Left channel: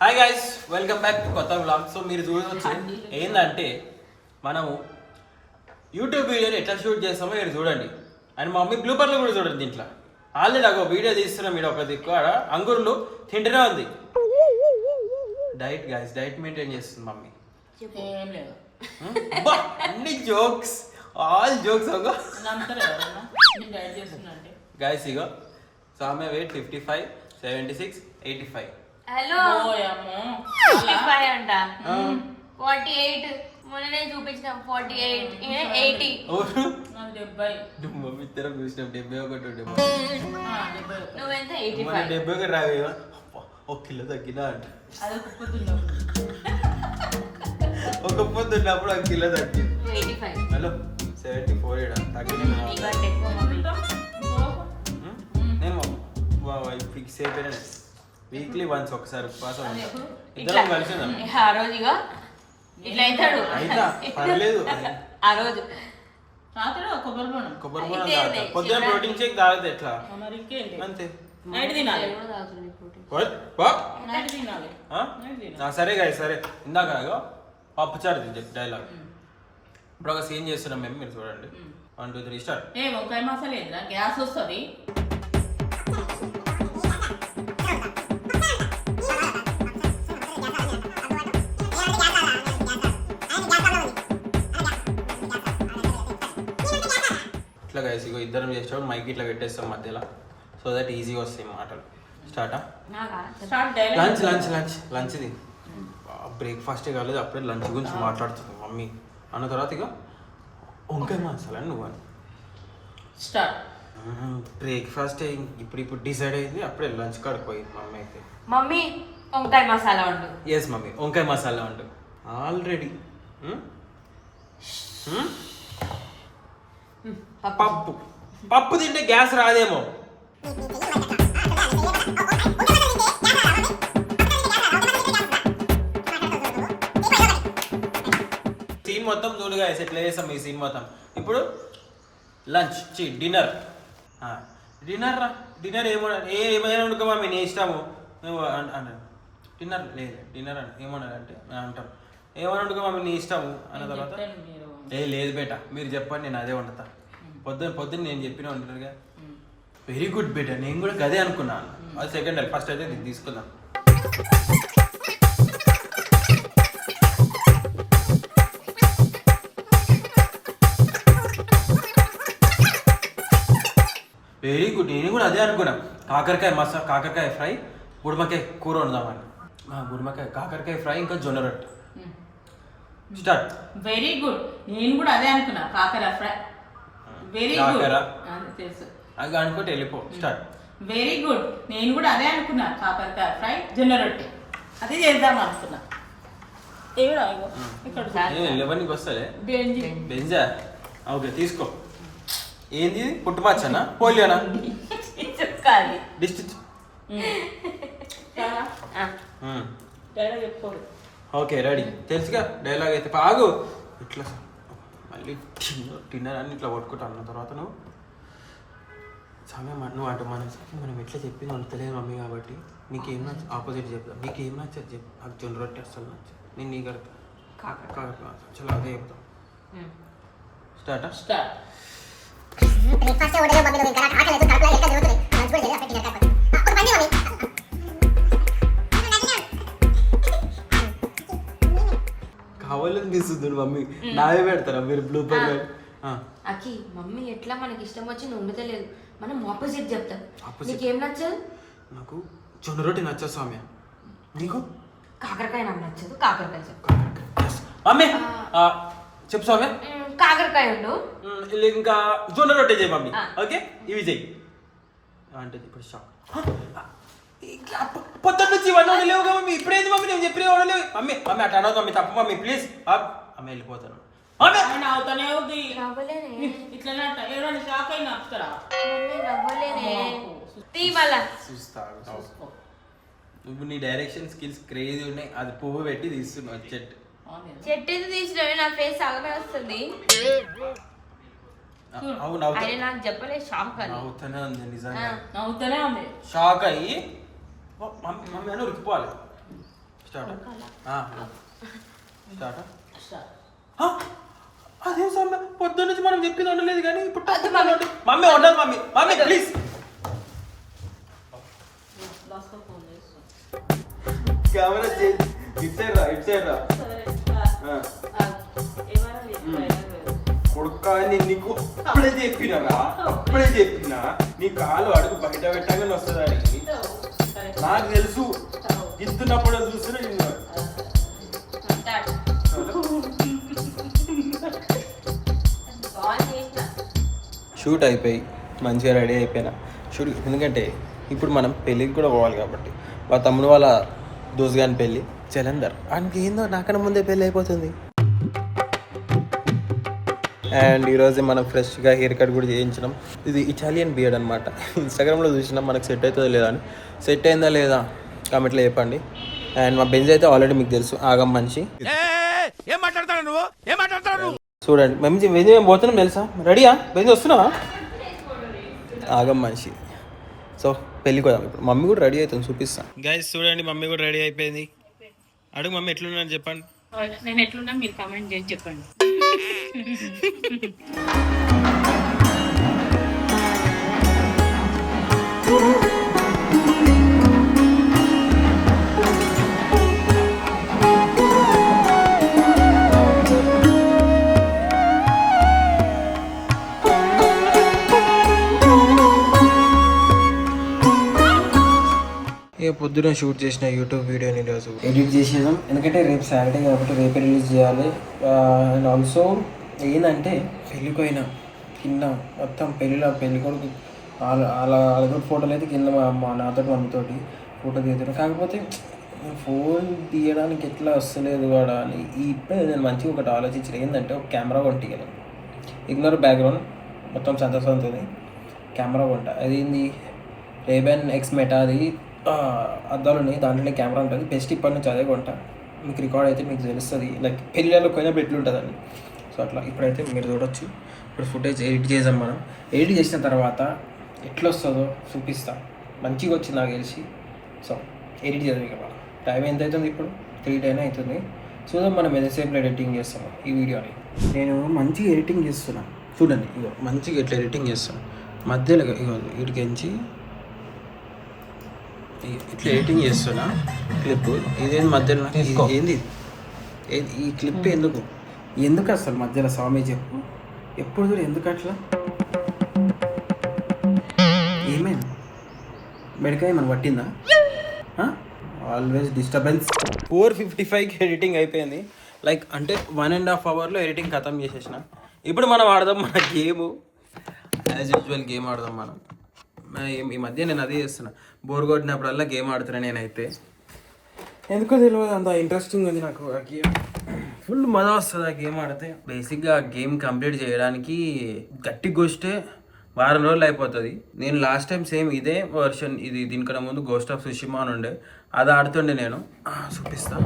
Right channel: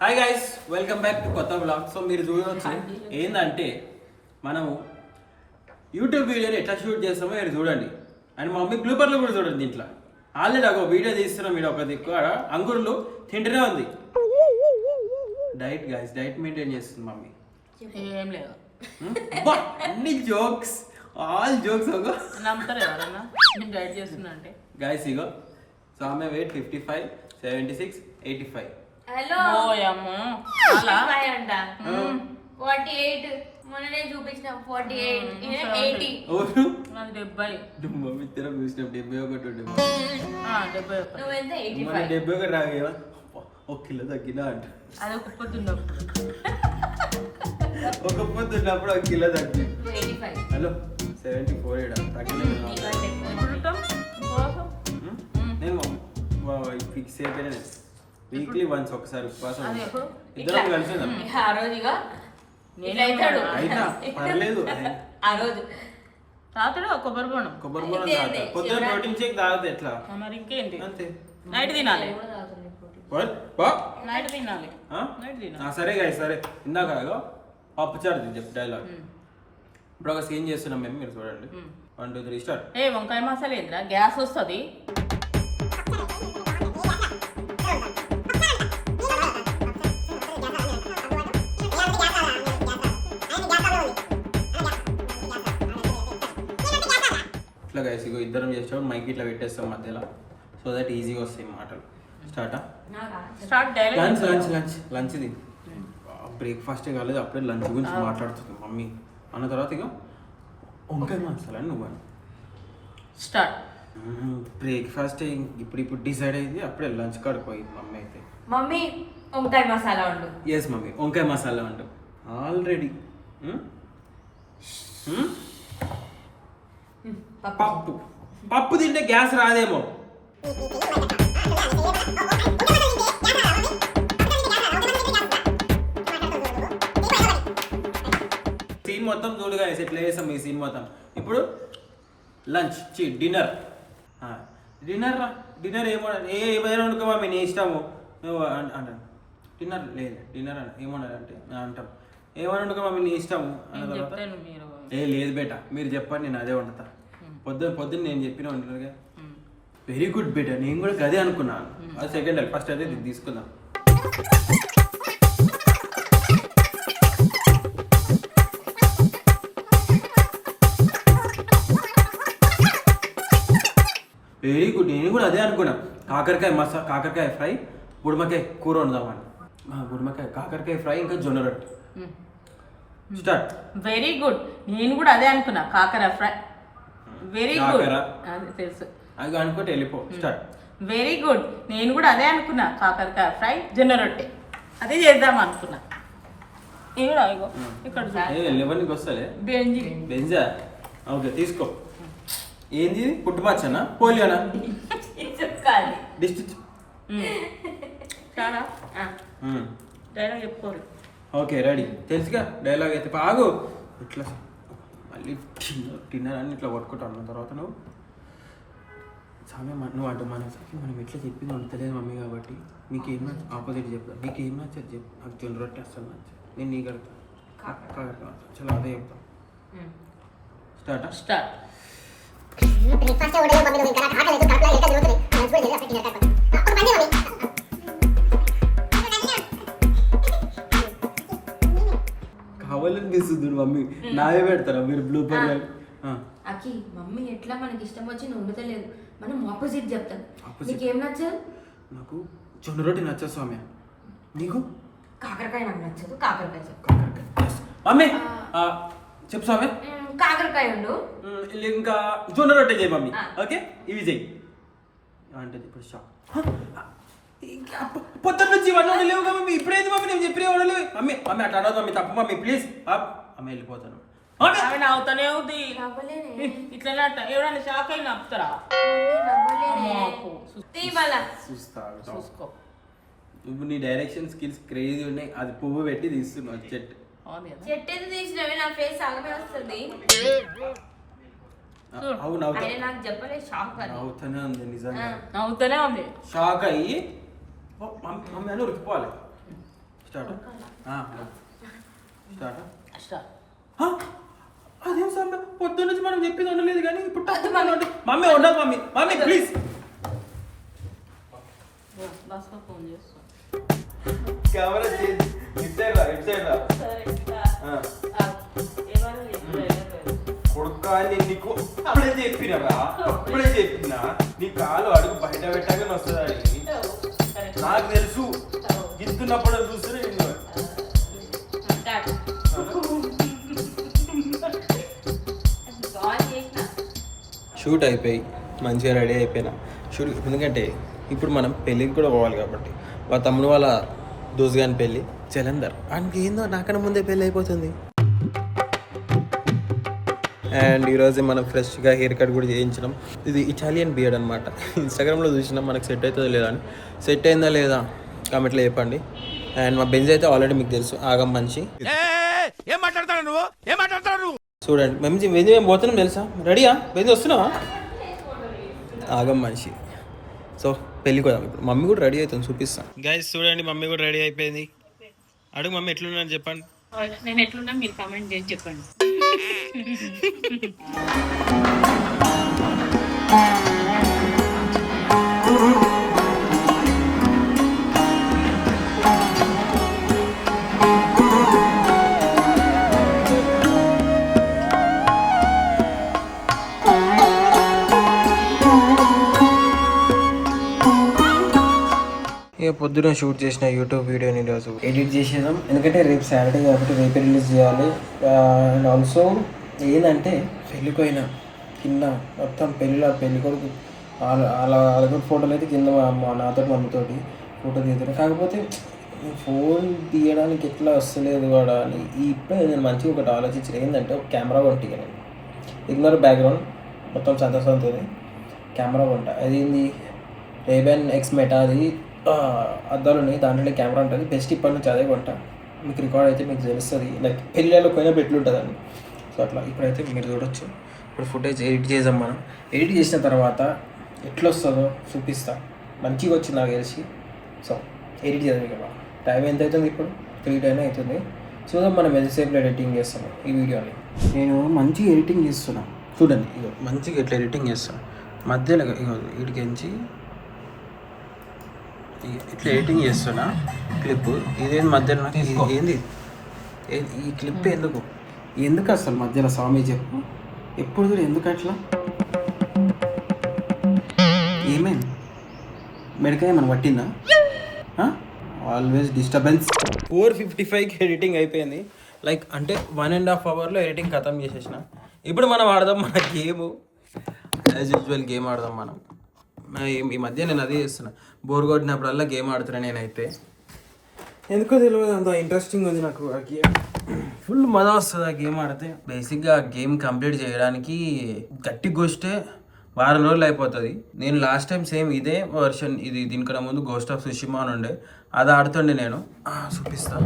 Hi guys, welcome back to కొత్త blog. So మీరు చూడవచ్చు ఏంటంటే మనం యూట్యూబ్ వీడియోని ఎట్లా షూట్ చేస్తామో మీరు చూడండి. అండ్ మా మమ్మీ బ్లూపర్లో కూడా చూడండి. దీంట్లో ఆల్రెడీ ఒక వీడియో తీస్తున్నాం. మీరు ఒక దిక్కు అంగుర్లు తింటూనే ఉంది. డైట్ గైస్, డైట్ మెయింటైన్ చేస్తుంది మమ్మీ. ఏం లేదు, అన్ని జోక్స్, ఆల్ జోక్స్. డైట్ చేస్తున్నా అంటే గైస్ ఇగో సామె వెయిట్ 55, 76, 85. హలో ఓయమ్మో 55 అంట 48 మొన్ననే చూపించిన 48 80 ఓరు నాకు 70 మమ్మీ ఇద్దరం చూసినాం 71 నువ్వెంత మన 85 71 రావేవా 1 కిలో తగ్గినా అంట. అది కుప్పుతున్నప్పుడు ఒక పొద్దు ఉన్నప్పుడు 1 కిలో తగ్గి 85 హలో 74 తగ్గిన ఫిక్స్ అయిపోయినా వీక్లీ వన్స్ ఒకసారి ఉపవాసం ఉంటా. ఇద్దరం కలిసి ఉన్నాం. ఆ రోజుగా ఇట్లా అవుతాడు అయినా పర్లేదు. ఆ రోజు తాతడు కొబ్బరి బోనం కొబ్బరి బోనం తాగుతా. పొద్దున ప్రోటీన్ షేక్ తాగితే ఎట్లా మరి ఇంకేంటి అంతే. నైట్ తినాలి, పో. నైట్ తినాలి, ఆ? నైట్ తినాలి. సరే గాయ సరే. ఇందాక పప్పుచారు చెప్పి డైలాగ్. ఇప్పుడు ఒక సీన్ చేస్తున్నాం మేము, మీరు చూడండి. 1 2 3 స్టార్ట్. ఏ వంకాయ మసాలా ఏంద్రా, గ్యాస్ వస్తుంది. ఇట్లా గైస్ ఇగో ఇద్దరం చేస్తాం. మైక్ ఇట్లా పెట్టేస్తాం మధ్యలో, సో దట్ ఈజీగా వస్తాయి మాటలు. స్టార్టా start direct. Lunch lunch lunch లంచ్ది బ్రేక్ఫాస్టే కాలేదు, అప్పుడే లంచ్ గురించి మాట్లాడుతుంది మమ్మీ అన్న తర్వాత ఇక వంకాయ మసాలా అని నువ్వు అని స్టార్ట్. బ్రేక్ఫాస్ట్ ఇప్పుడు డిసైడ్ అయింది, అప్పుడే లంచ్ కాడికి పోయింది మమ్మీ అయితే. మమ్మీ వంకాయ మసాలా వండు. ఎస్ మమ్మీ వంకాయ మసాలా అంటు ఆల్రెడీ. పప్పు పప్పు తింటే గ్యాస్ రాదేమో. సీన్ మొత్తం చూడుగా ఎట్లా చేస్తాం ఈ సీన్ మొత్తం. ఇప్పుడు లంచ్ డిన్నర్. డిన్నర్ డిన్నర్ ఏమైనా వండుకో మమ్మీ నీ ఇష్టము అన్నాడు. డిన్నర్ లేదు డిన్నర్ అని ఏమన్నాడు అంటే అంటాం ఏమైనా వండుకో మమ్మీ నీ ఇష్టము అన్న తర్వాత లేదు బేట మీరు చెప్పండి నేను అదే వండుతా. పొద్దున్న నేను చెప్పిన వండుతారుగా. వెరీ గుడ్ బేట, నేను కూడా గదే అనుకున్నాను. అది సెకండ్ అయితే ఫస్ట్ అయితే ఇది తీసుకుందాం. వెరీ గుడ్, నేను కూడా అదే అనుకున్నా. కాకరకాయ ఫ్రై, గుడిమకాయ కూర వండుదామని. కాకరకాయ ఫ్రై ఇంకా జొన్న రొట్టె. స్టార్ట్. వెరీ గుడ్, నేను కూడా అదే అనుకున్నా. కాకర ఫ్రై. వెరీ గుడ్, తెలుసు అది అనుకుంటే వెళ్ళిపో. స్టార్ట్. వెరీ గుడ్, నేను కూడా అదే అనుకున్నా. కాకరకాయ ఫ్రై, జొన్న రొట్టె అదే చేద్దాం అనుకున్నా. ఇక్కడ లెవెన్కి వస్తాలే బెంజి బెంజా. ఓకే తీసుకో. ఏంది పుట్టుపచ్చనా పోలియోనా చెప్పాలి డిస్ట్రిక్ట్? డైలాగ్ చెప్పుకోరు. ఓకే రెడీ, తెలుసుగా డైలాగ్ అయితే. ఆగు ఇట్లా మళ్ళీ డిన్నర్ అని ఇట్లా పట్టుకుంటాం. అన్న తర్వాత నువ్వు నువ్వు అంటే మనం ఎట్లా చెప్పి నమ్ముతలేదు మమ్మీ కాబట్టి నీకేం నచ్చ ఆపోజిట్ చెప్తాను. నీకేం నచ్చదు చెప్పు. నాకు జొన్న రొట్టె అసలు నచ్చదు, నేను నీ కడతాను. చాలా అదే చెప్తాను. స్టార్ట్. స్టార్ట్. కావాలని తీస్తుంది మమ్మీ. నావే పెడతారా మీరు బ్లూపర్? అకి మమ్మీ ఎట్లా మనకి ఇష్టం వచ్చింది వండుతలేదు, మనం ఆపోజిట్ చెప్తాం. Opposite. నీకేం నచ్చదు? నాకు జొన్న రొట్టె నచ్చదు స్వామి. నీకు? కాకరకాయ నాకు నచ్చదు, కాకరకాయ చెప్పు. మమ్మీ చెప్పు స్వామి. కాకరకాయ ఉండు. ఇంకా జొన్న రొట్టె చేయి మమ్మీ. ఓకే ఇవి చెయ్యి అంటే ఇప్పుడు పొద్దున్న నుంచి ఇవన్నీ లేవు కదా మమ్మీ. ఇప్పుడైతే మమ్మీ నేను చెప్పిన లేవు మమ్మీ. మమ్మీ అట్లా అడగదు మమ్మీ, తప్పు మమ్మీ ప్లీజ్. అమ్మ వెళ్ళిపోతాను మమ్మీ. అవుతానే ఉంది ఇట్లా ఎవరైనా షాక్ అయినా ఆపుతారా? చూస్తా. నువ్వు నీ డైరెక్షన్ స్కిల్స్ క్రేజీ ఉన్నాయి. అది పువ్వు పెట్టి తీస్తున్నావు చెట్టు. చెట్టు తీసినవే నా ఫేస్ అలాగే వస్తుంది. అవును ఆయన నాకు చెప్పలేదు షాక్ అని. అవుతూనే ఉంది నిజంగా. నవ్వుతూనే ఉంది. షాక్ అయ్యి మమ్మీ అని ఉరికిపోవాలి. Start start. అదేం సార్ పొద్దున్న నుంచి మనం చెప్పింది ఉండలేదు కానీ ఇప్పుడు మమ్మీ ఉండదు. Mummy mummy please. Camera change. ఇటు సైడ్ రా, ఇటు సైడ్ రా. కొడుక నేను నీకు అప్పుడే చెప్పినా నీ కాలు అడుగు బయట పెట్టగానే వస్తుంది అడిగి. నాకు తెలుసు ఇస్తున్నప్పుడు చూస్తున్నా నిన్ను. షూట్ అయిపోయి మంచిగా రెడీ అయిపోయినా షూట్. ఎందుకంటే ఇప్పుడు మనం పెళ్ళికి కూడా పోవాలి కాబట్టి వాళ్ళ తమ్ముడు వాళ్ళ దోస్త్ గాని పెళ్ళి జలంధర్. ఆయనకి ఏందో నాకన్నా ముందే పెళ్ళి అయిపోతుంది. అండ్ ఈరోజు మనం ఫ్రెష్గా హెయిర్ కట్ కూడా చేయించినాం. ఇది ఇటాలియన్ బియర్డ్ అనమాట. ఇన్స్టాగ్రామ్లో చూసినాం మనకు సెట్ అవుతుందో లేదా అని. సెట్ అయిందా లేదా కామెంట్లో చెప్పండి. అండ్ మా బెంజ్ అయితే ఆల్రెడీ మీకు తెలుసు ఆగం మనిషి. చూడండి మేము పోతున్నాం తెలుసా. రెడీయా బెంజ్ వస్తున్నావా? ఆగం మనిషి. సో పెళ్ళికి పోదాం ఇప్పుడు. మమ్మీ కూడా రెడీ అవుతుంది చూపిస్తా. గైస్ చూడండి మమ్మీ కూడా రెడీ అయిపోయింది. అడుగు మమ్మీ ఎట్లున్నా చెప్పండి. నేను ఎట్లున్నా మీరు కామెంట్ చేసి చెప్పండి. ఇక పొద్దున షూట్ చేసిన యూట్యూబ్ వీడియోని ఈరోజు ఎడిట్ చేసేద్దాం. ఎందుకంటే రేపు సాటర్డే కాబట్టి రేపే రిలీజ్ చేయాలి. అండ్ ఆల్సో ఏంటంటే పెళ్ళికి పోయినా కింద మొత్తం పెళ్ళి కొడుకు వాళ్ళ ఫోటోలు అయితే కింద మా అమ్మ నాతో మమ్మీతోటి ఫోటో తీద్దాను. కాకపోతే ఫోన్ తీయడానికి ఎట్లా వస్తలేదు కూడా అని ఇప్పుడే నేను మంచిగా ఒకటి ఆలోచించిన. ఏంటంటే ఒక కెమెరా కొంటాను. ఇగ్నోర్ బ్యాక్గ్రౌండ్ మొత్తం సంతోషంతో కెమెరా కొంట. అది ఏంది రేబ్యాన్ ఎక్స్ మెటా. అది అద్దాలు ఉన్నాయి, దాంట్లో కెమెరా ఉంటుంది. బెస్ట్ ఇప్పటి నుంచి అదే కొంట. మీకు రికార్డ్ అయితే మీకు తెలుస్తుంది. లైక్ పెళ్ళిళ్ళలో పోయినా పెట్లుంటుందని. సో అట్లా ఇప్పుడైతే మీరు చూడొచ్చు. ఇప్పుడు ఫుటేజ్ ఎడిట్ చేద్దాం మనం. ఎడిట్ చేసిన తర్వాత ఎట్లా వస్తుందో చూపిస్తా. మంచిగా వచ్చింది నాకు తెలిసి. సో ఎడిట్ చేద్దాం. ఇక టైం ఎంత అవుతుంది ఇప్పుడు? 3:10 అవుతుంది. చూద్దాం మనం ఎంతసేపులో ఎడిటింగ్ చేస్తాము ఈ వీడియోని. నేను మంచిగా ఎడిటింగ్ చేస్తున్నా చూడండి. ఇగో మంచిగా ఎట్లా ఎడిటింగ్ చేస్తాను. మధ్యలో ఇగో వీడికించి ఇట్లా ఎడిటింగ్ చేస్తున్నా క్లిప్. ఇదేంది మధ్యలో ఏంది ఈ క్లిప్? ఎందుకు అసలు మధ్యలో స్వామి చెప్పు. ఎప్పుడు చూడు ఎందుకు అట్లా? ఏమైంది? మెడకాయ మనం పట్టిందా? Always disturbance. 4:55కి ఎడిటింగ్ అయిపోయింది. లైక్ అంటే 1.5 అవర్లో ఎడిటింగ్ ఖతం చేసేసిన. ఇప్పుడు మనం ఆడదాం మన గేమ్. యాజ్ యూజువల్ గేమ్ ఆడదాం మనం. ఈ మధ్య నేను అదే చేస్తున్నా. బోర్ కొట్టినప్పుడల్లా గేమ్ ఆడుతున్నా నేనైతే. ఎందుకో తెలియదు, అంత ఇంట్రెస్టింగ్ ఉంది నాకు ఆ గేమ్. ఫుల్ మజా వస్తుంది ఆ గేమ్ ఆడితే. బేసిక్గా ఆ గేమ్ కంప్లీట్ చేయడానికి గట్టిగా వస్తే వారం రోజులు అయిపోతుంది. నేను లాస్ట్ టైం సేమ్ ఇదే వర్షన్, ఇది దీనికన్నా ముందు గోస్ట్ ఆఫ్ సుషిమా అని ఉండే, అది ఆడుతుండే నేను. చూపిస్తా.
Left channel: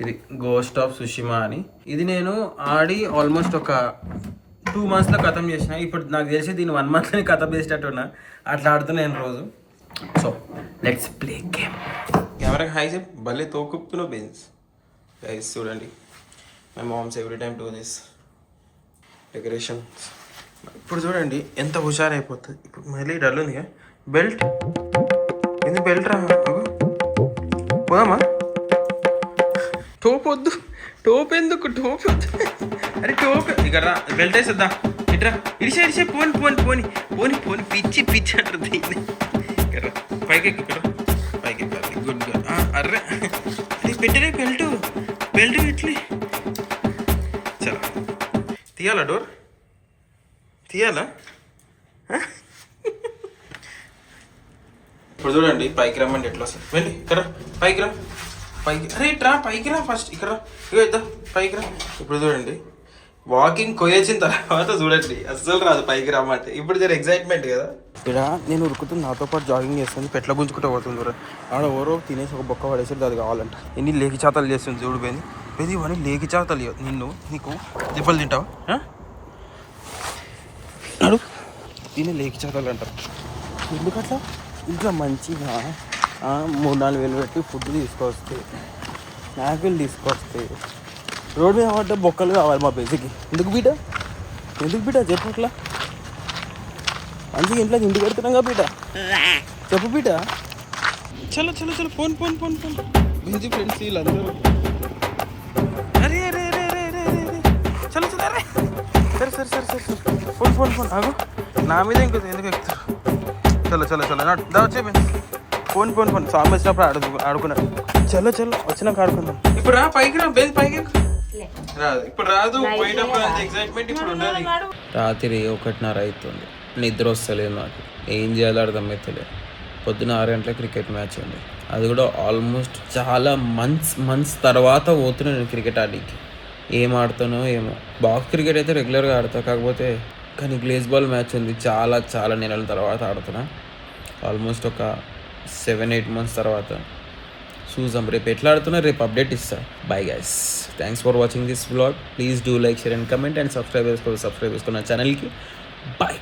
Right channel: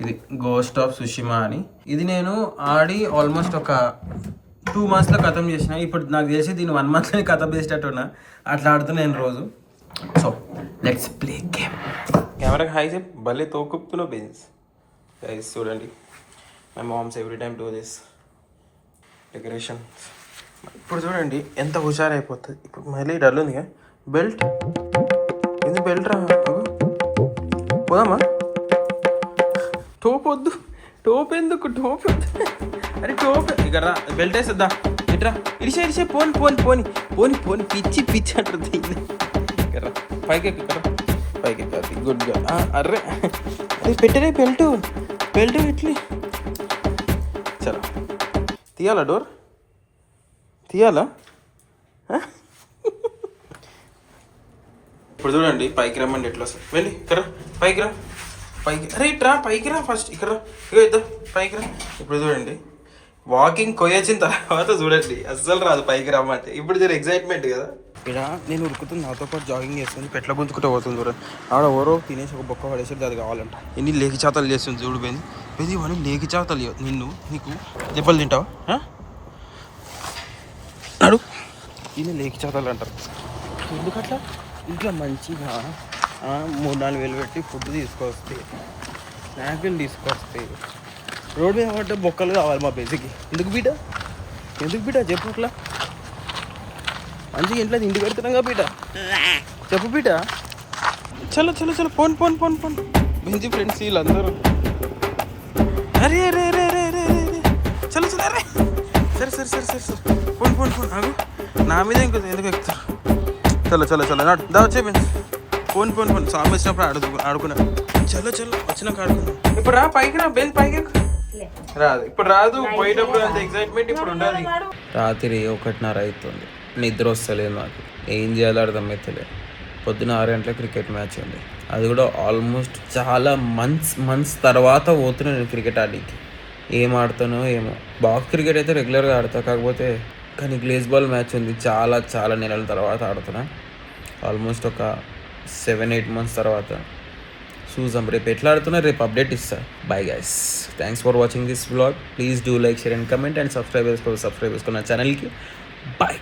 ఇది గోస్ట్ ఆఫ్ సుషిమా అని. ఇది నేను ఆడి ఆల్మోస్ట్ ఒక 2 monthsలో ఖతం చేసిన. ఇప్పుడు నాకు తెలిసి దీన్ని 1 monthలోనే ఖతం చేసేటట్టున్నా. అట్లా ఆడుతున్నా నేను రోజు. So let's play game. కెమెరాకి హై చెప్పు. భలే తోకుప్పుతున్నావు బెన్స్. గైస్ చూడండి, my moms every time do this decoration. ఇప్పుడు చూడండి ఎంత హుషారైపోతుంది. ఇప్పుడు మళ్ళీ డల్ ఉంది. బెల్ట్ ఎందుకు? బెల్ట్ రా పోదామా? టోపొద్దు. టోప్ ఎందుకు? టోప్ వద్దు. అరే టోప్ ఇక్కడ రా. బెల్ట్ వేసేద్దా. ఇట్రా. ఇడిసే పోని పోని పోని పోని పోని పిచ్చి పిచ్చి అంటారు దీన్ని. ఇక్కడ పైకి ఇక్కడ పైకి ఎక్కాలి. గుడ్గా. అర్రే అది పెట్టరే బెల్ట్. బెల్ట్ ఇట్లే. చలో తీయాలా? డోర్ తీయాలా? ఇప్పుడు చూడండి పైకి రమ్మండి ఎట్లా వస్తుంది. వెళ్ళి ఇక్కడ పైకి రా. పైకి అరే ఇట్రా. పైకి రా ఫస్ట్. ఇక్కడ ఇద్దా పైకి రా. ఇప్పుడు చూడండి వాకింగ్ కొయ్యొచ్చిన తర్వాత చూడండి అస్సలు రాదు పైకి రమ్మంటే. ఇప్పుడు జర ఎగ్జైట్మెంట్ కదా. ఇక్కడ నేను ఉరుకుతుంది, నాతో పాటు జాగింగ్ చేస్తుంది. పెట్ల గుంజుకుంటూ పోతుంది. చూడండి ఆడ ఎవరో తినేసి ఒక బొక్క పడేసి అది కావాలంట. ఎన్ని లేకి చాతలు చేస్తుంది చూడు. పోయింది ఇవన్నీ లేకి చాతలు. నీకు దెబ్బలు తింటావా? నడు దీన్ని లేకి చేతాలు అంటారు. ఎందుకట్లా? ఇంట్లో మంచిగా 3-4 వేలు పెట్టి ఫుడ్ తీసుకొస్తే, స్నాక్లు తీసుకొస్తే, రోడ్ మీద పడ్డ బొక్కలు కావాలి మా బేసిక్కి. ఎందుకు బీట చెప్పు అట్లా. మంచిగా ఇంట్లో ఇంటికి పెడుతున్నాగా బీట, చెప్పు బీట. చలో చలో చలో ఫోన్ మంచి ఫ్రెండ్స్ వీళ్ళందరూ. అరే అరే అరే అరే అరే అరే చలో చలో అరే సరే ఫోన్ ఆగు. నా మీద ఎందుకు ఎక్కుతారు? చలో దా వచ్చే ఫోన్ స్వామి వచ్చినప్పుడు ఆడుకున్నాను. చలో వచ్చినాక ఆడుకుందాం. ఇప్పుడు రా పైకి రా, బేస్ పైకి రాదు, ఇప్పుడు రాదు. పోయేటప్పుడు అంత ఎక్సైట్మెంట్ ఇప్పుడు ఉండదు. రాత్రి 1:30 అవుతుంది, నిద్ర వస్తలేదు నాకు. ఏం చేయాలో అర్థమవుతలేదు. పొద్దున 6 గంటల క్రికెట్ మ్యాచ్ ఉంది. అది కూడా ఆల్మోస్ట్ చాలా మంత్స్ తర్వాత పోతున్నా నేను క్రికెట్ ఆడికి. ఏం ఆడుతానో ఏమో. బాక్స్ క్రికెట్ అయితే రెగ్యులర్గా ఆడతా, కానీ గ్లేస్ బాల్ మ్యాచ్ ఉంది, చాలా నెలల తర్వాత ఆడుతున్నా. ఆల్మోస్ట్ ఒక 7-8 months తర్వాత. చూసాం రేపు ఎట్లా ఆడుతున్నా, రేపు అప్డేట్ ఇస్తా. Bye guys, thanks for watching this vlog. Please do like, share and comment and subscribe చేసుకో నా ఛానల్కి. బాయ్.